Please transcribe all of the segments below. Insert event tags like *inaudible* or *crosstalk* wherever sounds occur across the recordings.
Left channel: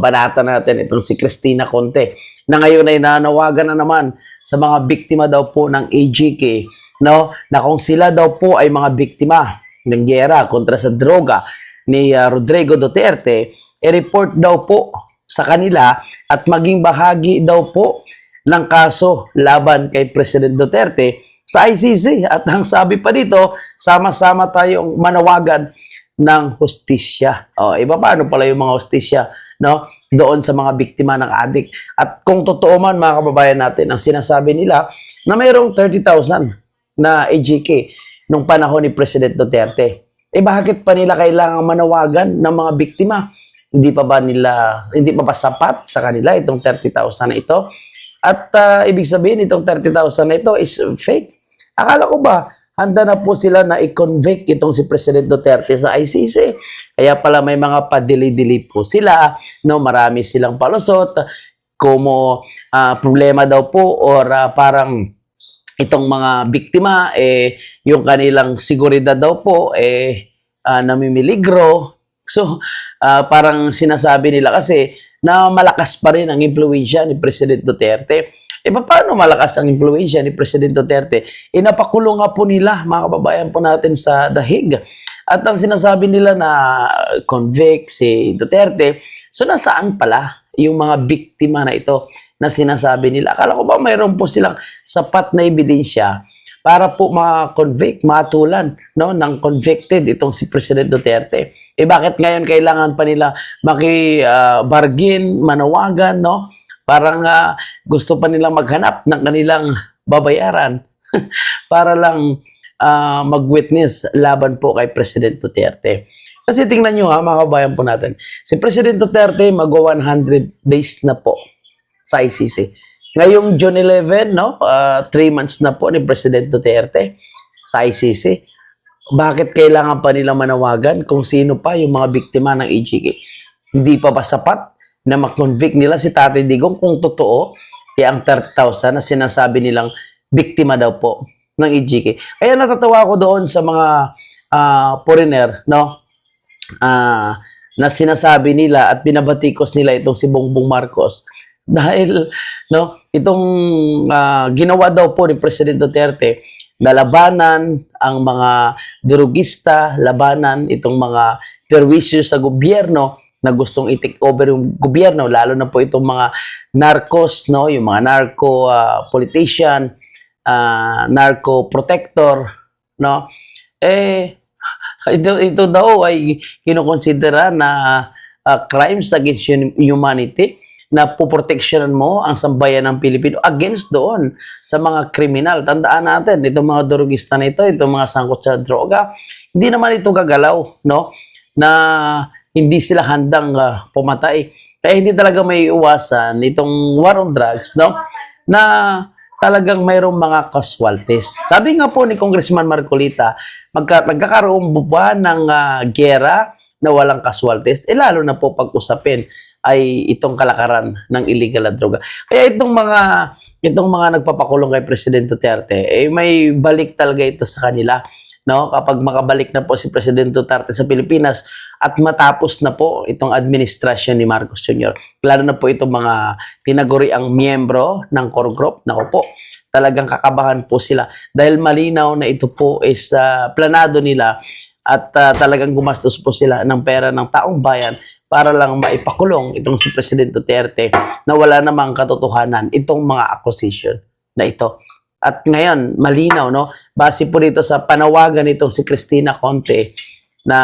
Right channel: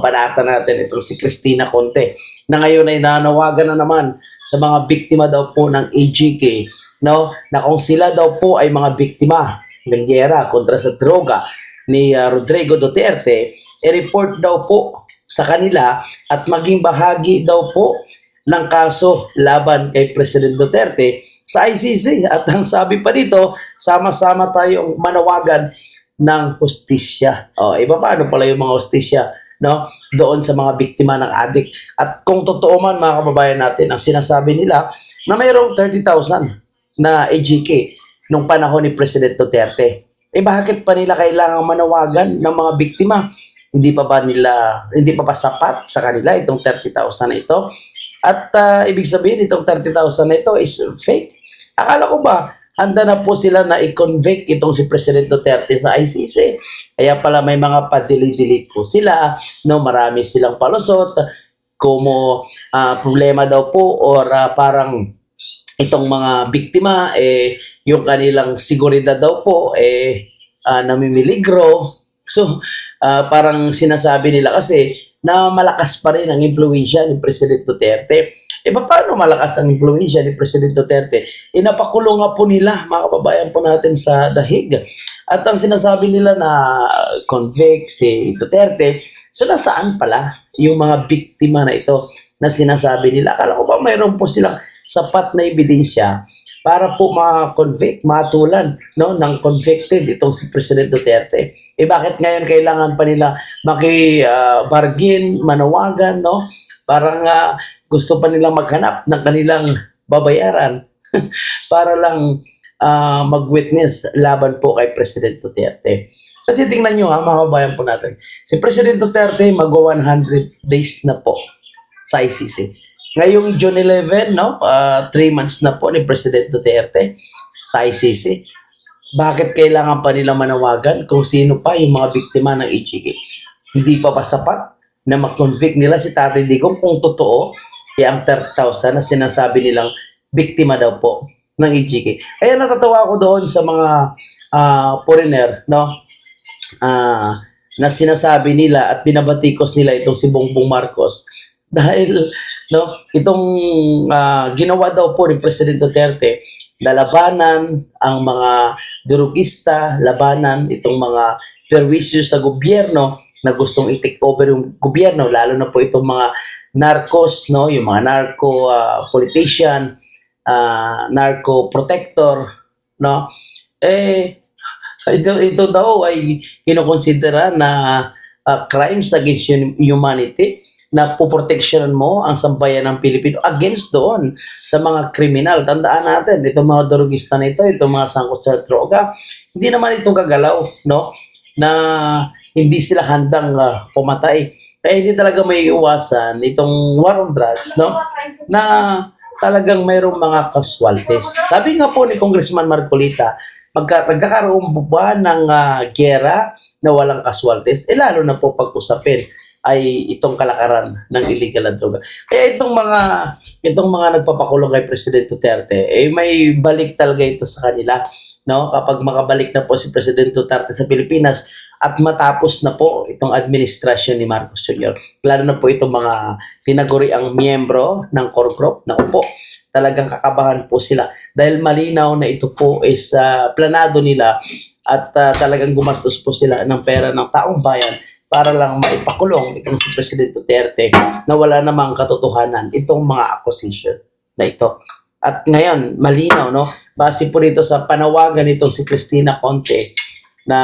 banata natin itong si Christina Conte na ngayon ay nanawagan na naman sa mga biktima daw po ng AGK no na kung sila daw po ay mga biktima ng giyera kontra sa droga ni uh, Rodrigo Duterte i-report daw po sa kanila at maging bahagi daw po ng kaso laban kay President Duterte sa ICC at ang sabi pa dito sama-sama tayong manawagan ng hustisya. O, iba paano pala yung mga hustisya no? doon sa mga biktima ng adik. At kung totoo man mga kababayan natin, ang sinasabi nila na mayroong 30,000 na AGK nung panahon ni President Duterte. Eh bakit pa nila kailangan manawagan ng mga biktima? Hindi pa ba nila, hindi pa ba sapat sa kanila itong 30,000 na ito? At ah, ibig sabihin itong 30,000 na ito is fake. Akala ko ba, handa na po sila na i-convict itong si President Duterte sa ICC. Kaya pala may mga padili-dili po sila, no, marami silang palusot, como ah, problema daw po or ah, parang itong mga biktima eh yung kanilang seguridad daw po eh ah, namimiligro. So ah, parang sinasabi nila kasi na malakas pa rin ang impluwensya ni President Duterte. E paano malakas ang impluwensya ni President Duterte? Inapakulong nga po nila, mga kababayan po natin sa dahig. At ang sinasabi nila na convict si Duterte, so nasaan pala yung mga biktima na ito na sinasabi nila? Akala ko ba mayroon po silang sapat na ebidensya para po ma-convict, matulan no, ng convicted itong si President Duterte. Eh bakit ngayon kailangan pa nila maki-bargain, manawagan, no? Parang ah, gusto pa nilang maghanap ng kanilang babayaran *laughs* para lang ah, mag-witness laban po kay President Duterte. Kasi tingnan nyo ha, mga kabayan po natin. Si President Duterte magwa 100 days na po sa ICC. Ngayong June 11, no, 3 months na po ni President Duterte sa ICC. Bakit kailangan pa nila manawagan kung sino pa yung mga biktima ng AGK? Hindi pa ba sapat na makonvict nila si Tatay Digong kung totoo eh, ang 30,000 na sinasabi nilang biktima daw po ng AGK. Kaya natatawa ako doon sa mga ah, foreigner, no? Ah, na sinasabi nila at binabatikos nila itong si Bongbong Marcos *laughs* dahil no itong ah, ginawa daw po ni President Duterte na labanan ang mga durugista, labanan itong mga perwisyo sa gobyerno na gustong i-take over yung gobyerno, lalo na po itong mga narcos, no, yung mga narco ah, politician, ah, narco protector, no, eh, ito, ito daw ay kinukonsidera na ah, crimes against hum- humanity na poproteksyonan mo ang sambayan ng Pilipino against doon sa mga kriminal. Tandaan natin, itong mga drogista nito, itong mga sangkot sa droga, hindi naman ito gagalaw, no? Na hindi sila handang ah, pumatay. Kaya hindi talaga may iwasan itong war on drugs, no? Na talagang mayroong mga casualties. Sabi nga po ni Congressman Marcolita, magka, nagkakaroon ba ng ah, gera na walang casualties? Eh lalo na po pag-usapin ay itong kalakaran ng illegal na droga. Kaya itong mga itong mga nagpapakulong kay President Duterte, eh may balik talaga ito sa kanila, no? Kapag makabalik na po si President Duterte sa Pilipinas at matapos na po itong administrasyon ni Marcos Jr. Lalo na po itong mga tinaguri ang miyembro ng core group, naku po, talagang kakabahan po sila dahil malinaw na ito po is ah, planado nila at ah, talagang gumastos po sila ng pera ng taong bayan para lang maipakulong itong si President Duterte na wala namang katotohanan itong mga accusation na ito. At ngayon, malinaw, no? Base po dito sa panawagan nitong si Christina Conte na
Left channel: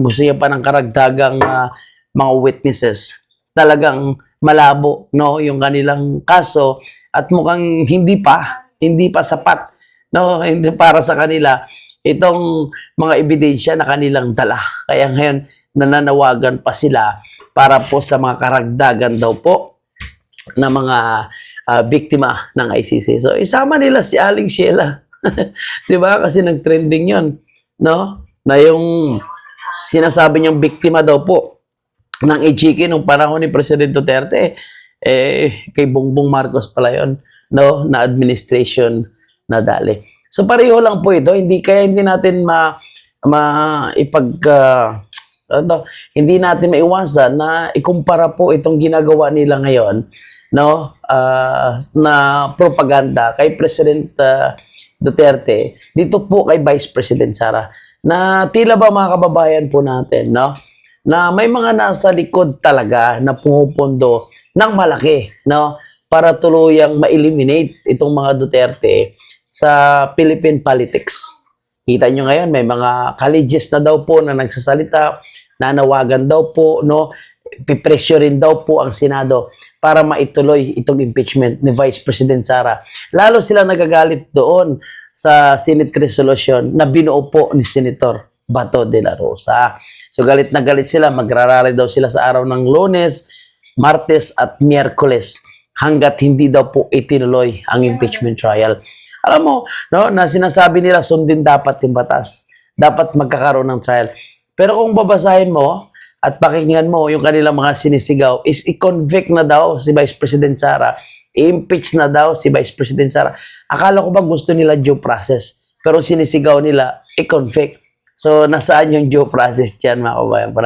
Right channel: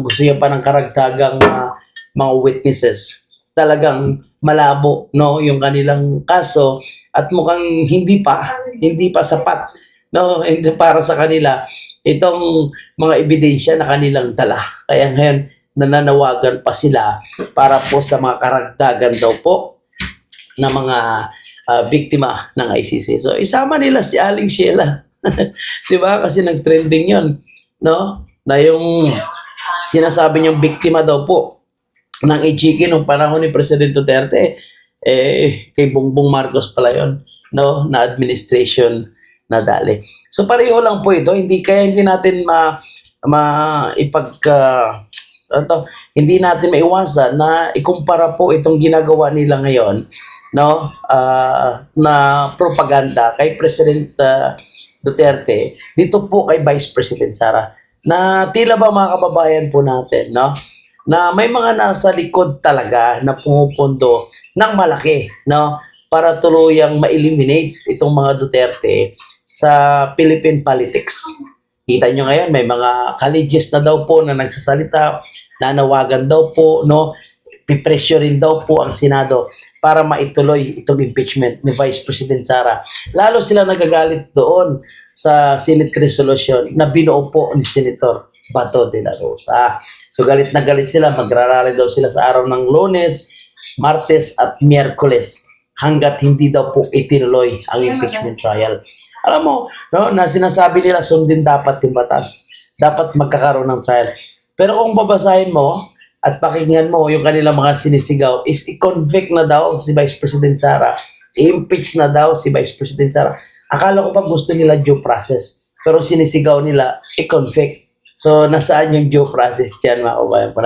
gusto niya pa ng karagdagang ah, mga witnesses. Talagang malabo, no? Yung kanilang kaso at mukhang hindi pa, hindi pa sapat, no? Hindi para sa kanila itong mga ebidensya na kanilang dala. Kaya ngayon, nananawagan pa sila para po sa mga karagdagan daw po na mga ah, biktima ng ICC. So, isama nila si Aling Sheila. *laughs* Di ba? Kasi nag-trending yon no? Na yung sinasabi niyang biktima daw po ng IGK nung panahon ni President Duterte, eh, kay Bongbong Marcos pala yon no? Na administration na dali. So, pareho lang po ito. Hindi, kaya hindi natin ma, ma ipag, ah, ano, hindi natin maiwasan na ikumpara po itong ginagawa nila ngayon no ah, na propaganda kay President ah, Duterte dito po kay Vice President Sara na tila ba mga kababayan po natin no na may mga nasa likod talaga na pumupundo ng malaki no para tuluyang ma-eliminate itong mga Duterte sa Philippine politics. Kita nyo ngayon, may mga colleges na daw po na nagsasalita, nanawagan daw po, no, pipresyo rin daw po ang Senado para maituloy itong impeachment ni Vice President Sara. Lalo sila nagagalit doon sa Senate resolution na binuo po ni Senator Bato de la Rosa. So galit na galit sila, magrarally daw sila sa araw ng lunes, martes at miyerkules hanggat hindi daw po itinuloy ang impeachment trial. Alam mo, no, na sinasabi nila sundin dapat yung batas. Dapat magkakaroon ng trial. Pero kung babasahin mo at pakinggan mo yung kanilang mga sinisigaw is i-convict na daw si Vice President Sara. I-impeach na daw si Vice President Sara. Akala ko ba gusto nila due process? Pero sinisigaw nila i-convict. So, nasaan yung due process dyan, mga kabayan po?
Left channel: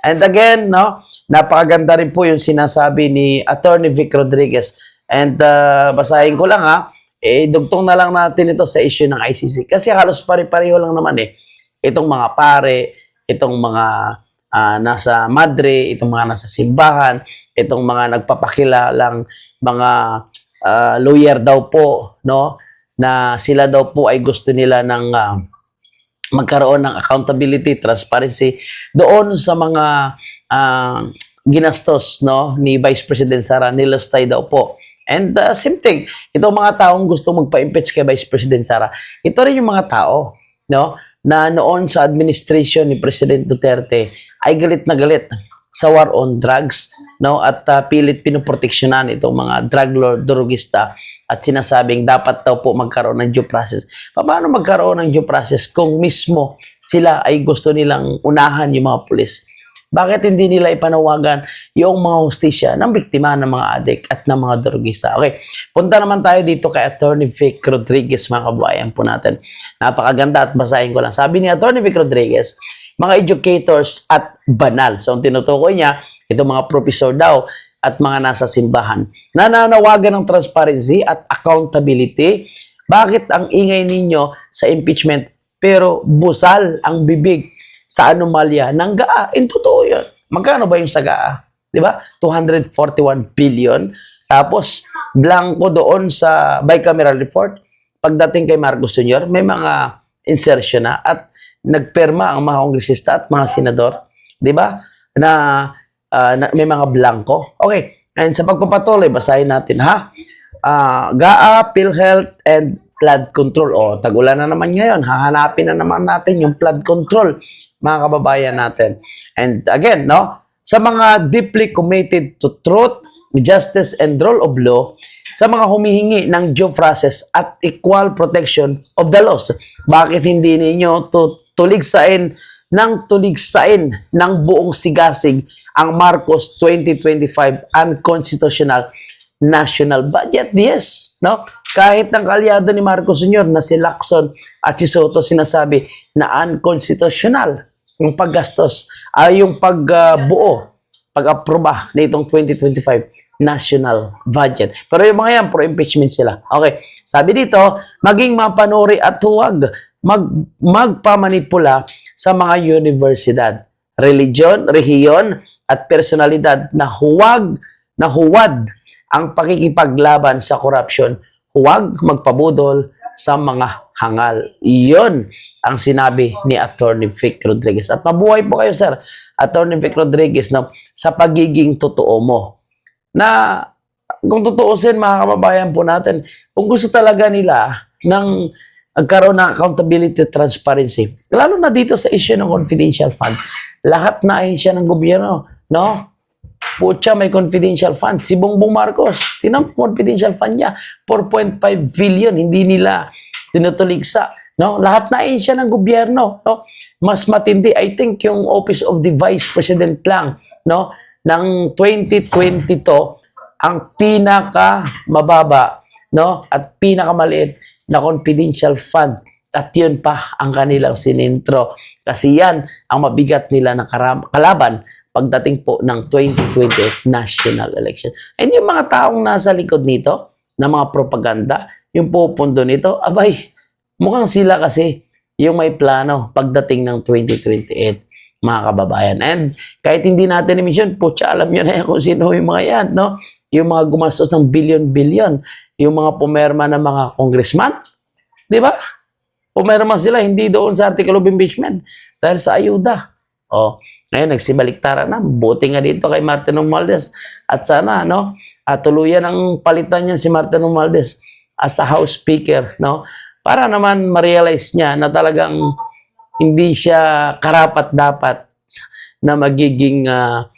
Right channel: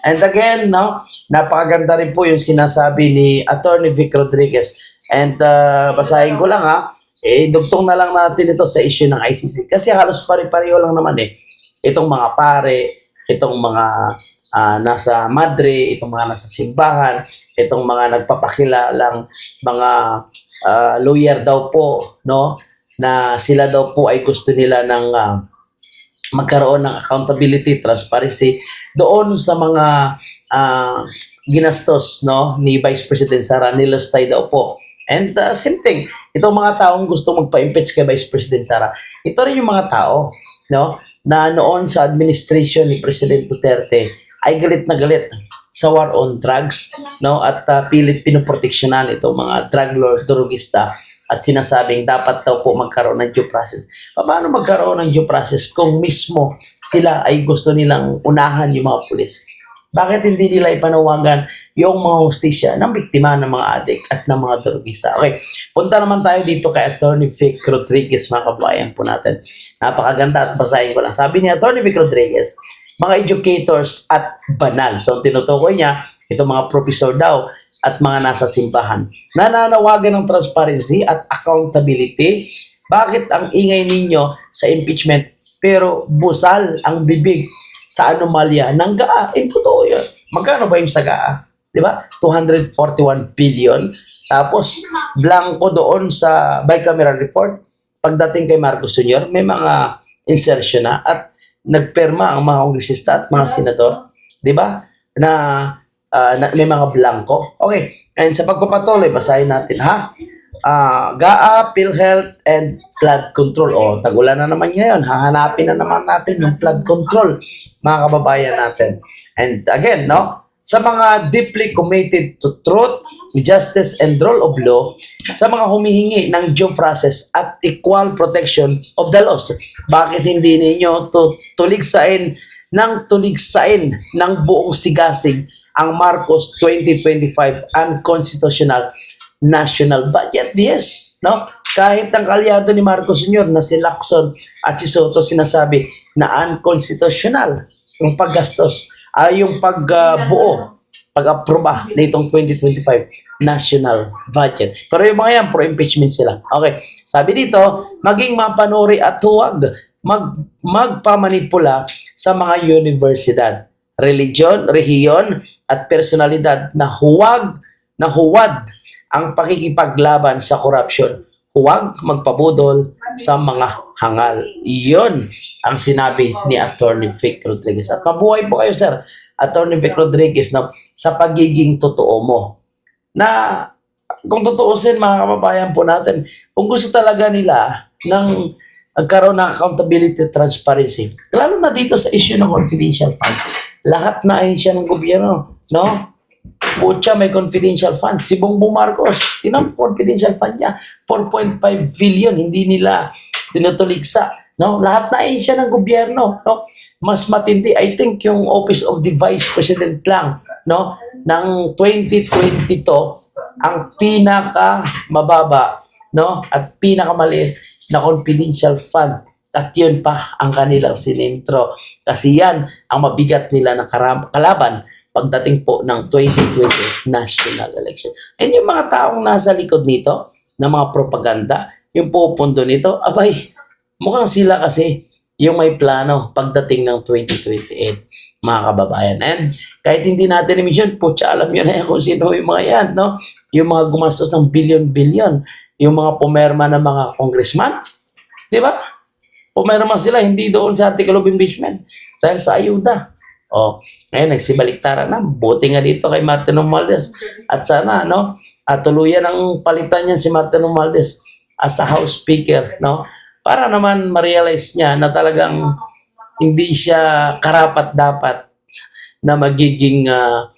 And again, no, napakaganda rin po yung sinasabi ni Attorney Vic Rodriguez. And uh, basahin ko lang ha, eh, dugtong na lang natin ito sa issue ng ICC. Kasi halos pare-pareho lang naman eh. Itong mga pare, itong mga ah, nasa madre, itong mga nasa simbahan, itong mga nagpapakilalang mga ah, lawyer daw po, no? Na sila daw po ay gusto nila ng ah, magkaroon ng accountability, transparency doon sa mga ah, ginastos no ni Vice President Sara nilostay daw po. And uh, same thing, itong mga taong gusto magpa-impeach kay Vice President Sara, ito rin yung mga tao no na noon sa administration ni President Duterte ay galit na galit sa war on drugs no at uh, pilit pinoproteksyonan itong mga drug lord drugista at sinasabing dapat daw po magkaroon ng due process. Paano magkaroon ng due process kung mismo sila ay gusto nilang unahan yung mga pulis? Bakit hindi nila ipanawagan yung mga hustisya ng biktima ng mga adik at ng mga drugista? Okay, punta naman tayo dito kay Attorney Vic Rodriguez, mga kabayan po natin. Napakaganda at basahin ko lang. Sabi ni Attorney Vic Rodriguez, mga educators at banal. So, tinutukoy niya, itong mga professor daw at mga nasa simbahan. Nananawagan ng transparency at accountability. Bakit ang ingay ninyo sa impeachment pero busal ang bibig sa anomalya ng GAA? In totoo yun. Magkano ba yung sa GAA? Di ba? 241 billion. Tapos, blanco doon sa bicameral report. Pagdating kay Marcos Sr., may mga insertion na at nagperma ang mga kongresista at mga senador. Di ba? Na ah, na, may mga blanco. Okay. And sa pagpapatuloy, basahin natin ha. Ah, GAA, PhilHealth, and flood control. O, tagulan na naman ngayon. Hahanapin na naman natin yung flood control, mga kababayan natin. And again, no, sa mga deeply committed to truth, justice, and rule of law, sa mga humihingi ng due process at equal protection of the laws. Bakit hindi ninyo tu- tuligsain ng tuligsain ng buong sigasig ang Marcos 2025 unconstitutional national budget. Yes, no? Kahit ang kalyado ni Marcos Sr. na si Lacson at si Soto sinasabi na unconstitutional yung paggastos ay yung pagbuo, pag-aproba nitong 2025 national budget. Pero yung mga yan, pro-impeachment sila. Okay, sabi dito, maging mapanuri at huwag mag, magpamanipula sa mga universidad, religion, rehiyon, at personalidad na huwag, na huwad ang pakikipaglaban sa korupsyon. Huwag magpabudol sa mga hangal. Iyon ang sinabi ni Attorney Vic Rodriguez. At mabuhay po kayo, sir, Attorney Vic Rodriguez, na sa pagiging totoo mo. Na kung tutuusin mga kababayan po natin, kung gusto talaga nila ng nagkaroon ng accountability at transparency, lalo na dito sa issue ng confidential fund, lahat na ay siya ng gobyerno, no? Pucha, may confidential fund. Si Bongbong Marcos, tinan mo confidential fund niya, 4.5 billion, hindi nila tinutuligsa. No? Lahat na ay siya ng gobyerno. No? Mas matindi, I think, yung Office of the Vice President lang, no? ng 2022, ang pinaka mababa no? at pinakamaliit na confidential fund At yun pa ang kanilang sinintro. Kasi yan ang mabigat nila na kalaban pagdating po ng 2028 national election. And yung mga taong nasa likod nito, na mga propaganda, yung pupundo nito, abay, mukhang sila kasi yung may plano pagdating ng 2028, mga kababayan. And kahit hindi natin i-mission, putya, alam nyo na yan kung sino yung mga yan, no? Yung mga gumastos ng billion-billion, yung mga pumerma ng mga congressman, di ba? Pumerma sila, hindi doon sa article of impeachment, dahil sa ayuda. O, ngayon, nagsibaliktaran na. Buti nga dito kay Martin Romualdez. At sana, no, at tuluyan ang palitan niya si Martin Romualdez as a House Speaker, no? Para naman ma-realize niya na talagang hindi siya karapat-dapat na magiging ah,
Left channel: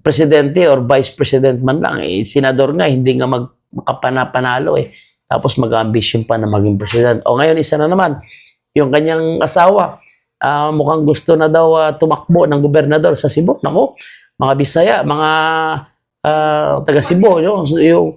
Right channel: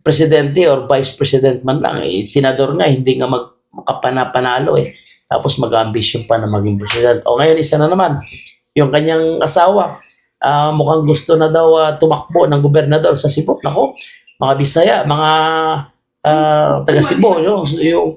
presidente or vice president man lang. Eh, senador nga, hindi nga mag makapanapanalo eh. Tapos mag-ambition pa na maging president. O ngayon, isa na naman, yung kanyang asawa, ah, mukhang gusto na daw ah, tumakbo ng gobernador sa Cebu. Nako, mga Bisaya, mga ah, taga Cebu, yung, yung,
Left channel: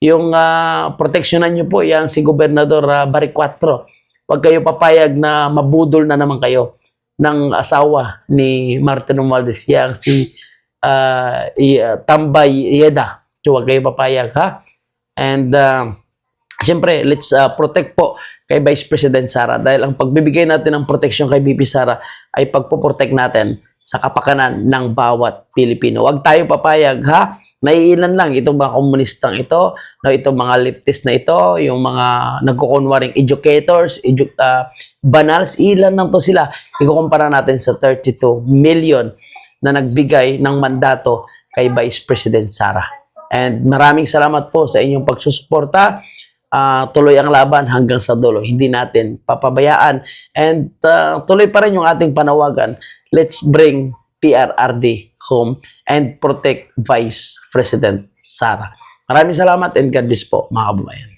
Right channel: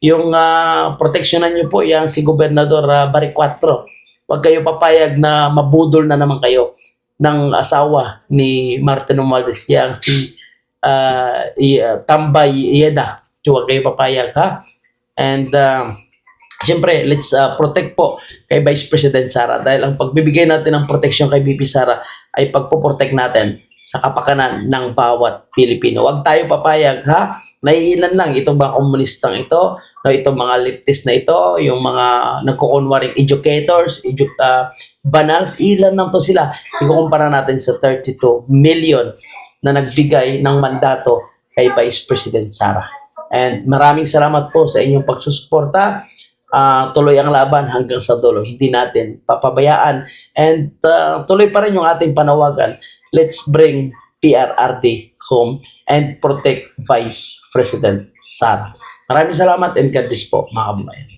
yung ah, proteksyonan nyo po, yan si Gobernador uh, Bari 4. Huwag kayo papayag na mabudol na naman kayo ng asawa ni Martin Romualdez, yang si ah, ah, Tambay Yeda. So, huwag kayo papayag, ha? And, uh, Siyempre, let's uh, protect po kay Vice President Sara dahil ang pagbibigay natin ng proteksyon kay BP Sara ay pagpoprotect natin sa kapakanan ng bawat Pilipino. Huwag tayo papayag ha. Naiilan lang itong mga komunistang ito, no, itong mga leftist na ito, yung mga nagkukunwaring educators, edu uh, banals, ilan lang to sila. Ikukumpara natin sa 32 million na nagbigay ng mandato kay Vice President Sara. And maraming salamat po sa inyong pagsusuporta ah, tuloy ang laban hanggang sa dulo. Hindi natin papabayaan. And ah, tuloy pa rin yung ating panawagan. Let's bring PRRD home and protect Vice President Sara. Maraming salamat and God bless po mga kababayan.